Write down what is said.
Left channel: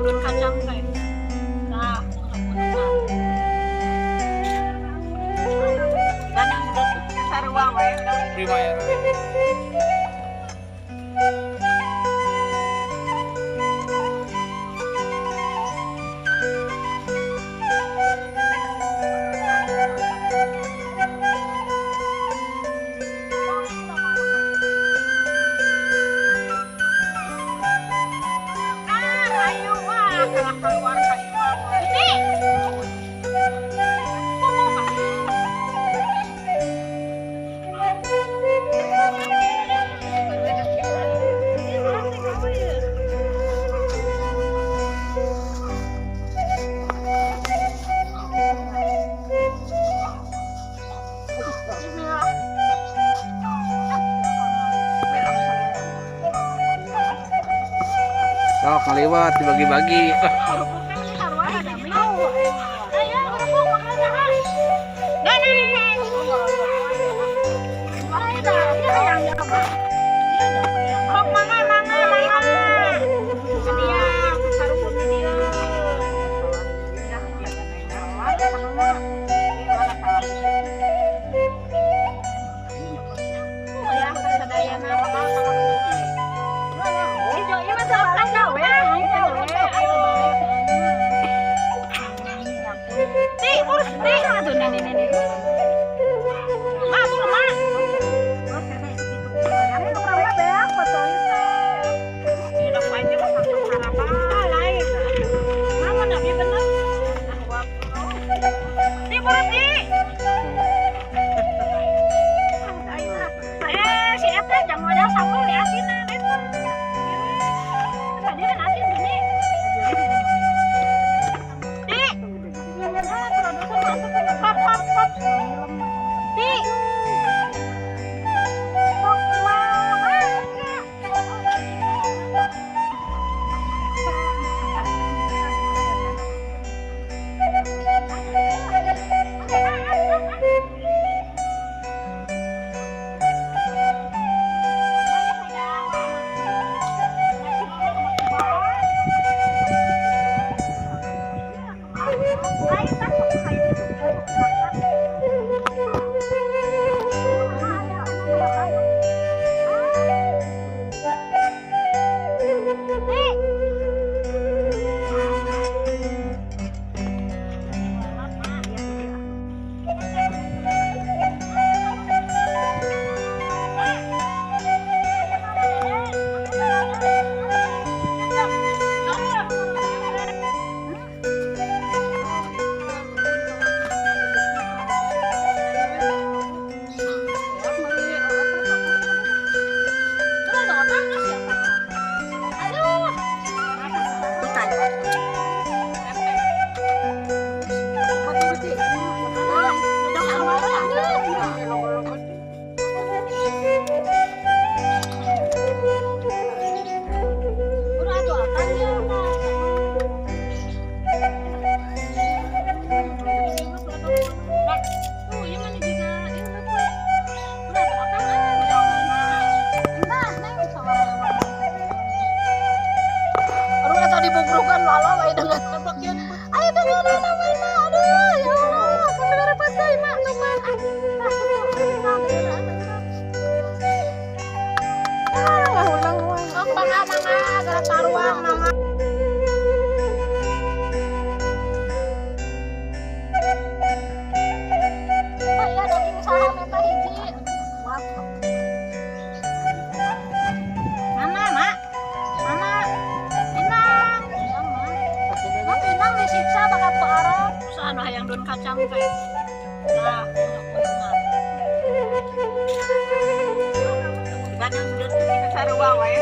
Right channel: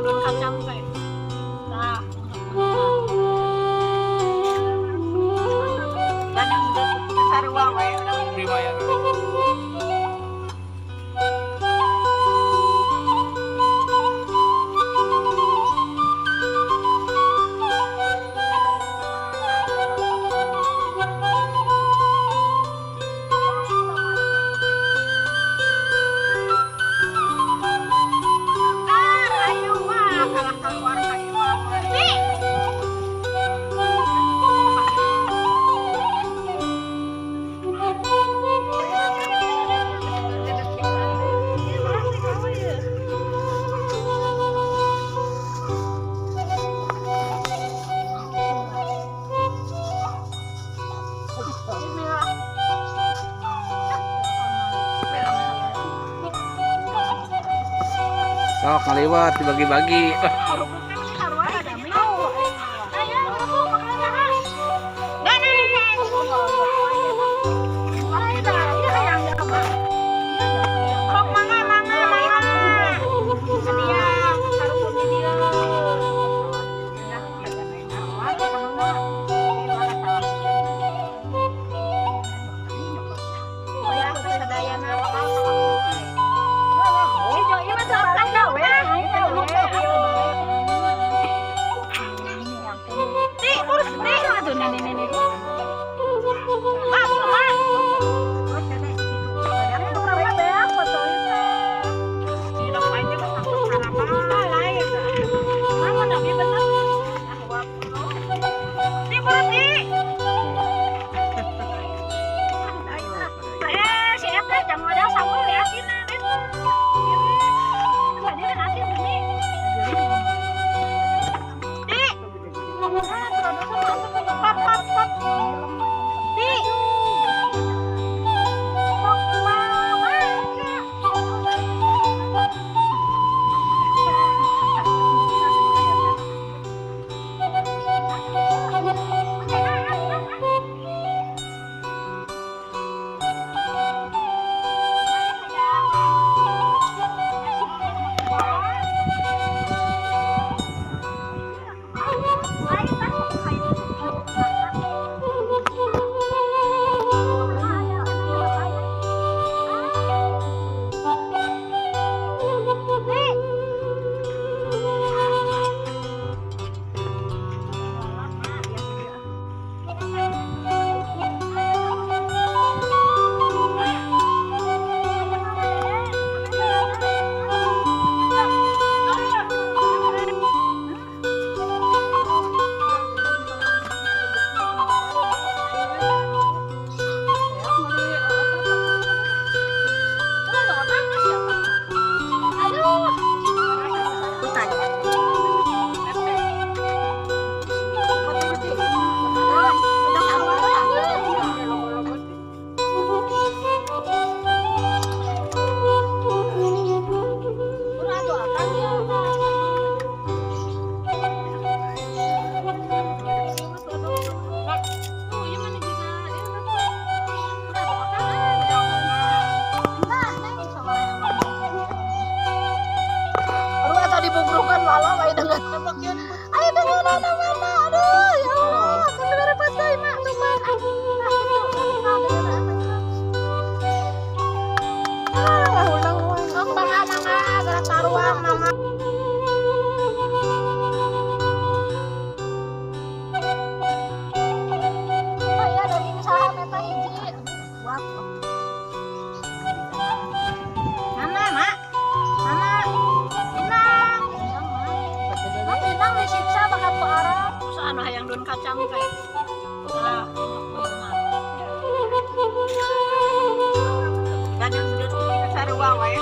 hayang dun kacang kayak. Nah, ganang dun sarwa wae. Prima ya. Sok ngaliwat dibagi-bagi. Dibungkrukan walau ayo dengan bagian ayo dengan mana aduh ya Allah kamera pas deui mak teman ulang wae sok mangga gara taruang mangga oh iya daging saha meta hiji mana mak disiksa bakal ke arah usaha anu hayang dun kacang teh. Nah, ganang dun sarua wae